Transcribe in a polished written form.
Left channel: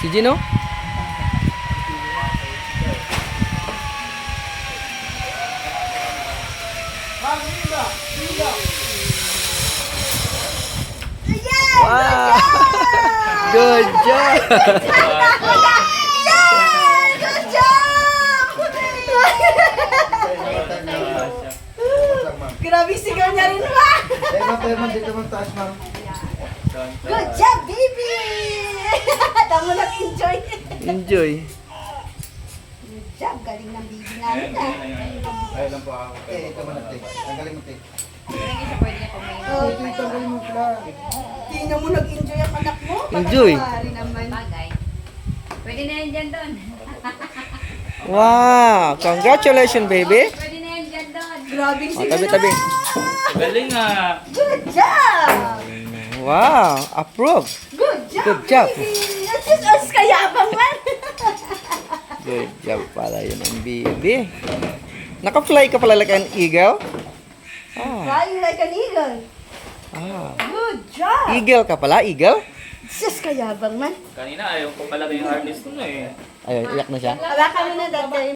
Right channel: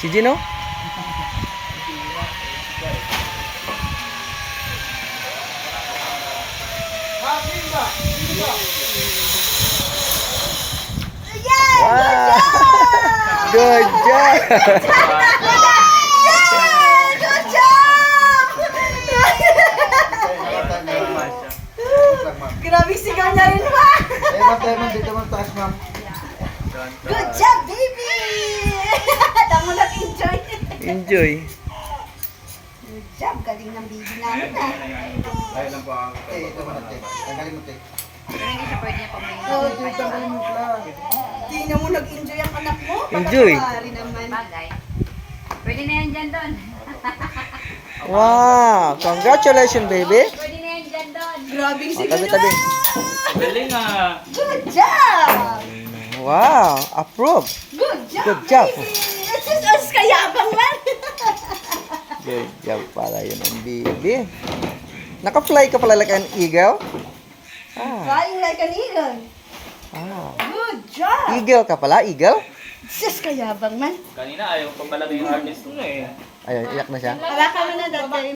Si Gino? Wow! Good job! Good job! Grabe sigaw niya rin, ma! Dito mo taas, ma'am. Good job, baby! Tamo nag-enjoy. Enjoy. Good job, galing ng baby namin, ah. Ay lang po ako. Ito mo na, te. Tanggalin mo, te. Oh, Tanggalin mo pala. tingnan mo, nag-enjoy ang anak mo. Enjoy. Pagkakawari naman. Bagay. Pwede na yan dyan doon. Wow! Congratulations, baby! Pwede na yan dyan doon. Grabe Oh, sigaw tabi-tabi. Galing nga. Good job! Wow! Approve! Good job, Good job. baby! As kayabang man. Good job pala yun ang baby. Naka-fly ka pala like an eagle? Ah, Flying like an eagle. ah. Good job! Eagle ka pala? Eagle? Sus, kayabang man. Kanina ayaw pa pala yung artist mo eh. Ayun, iyak na siya. Wala ka na dati.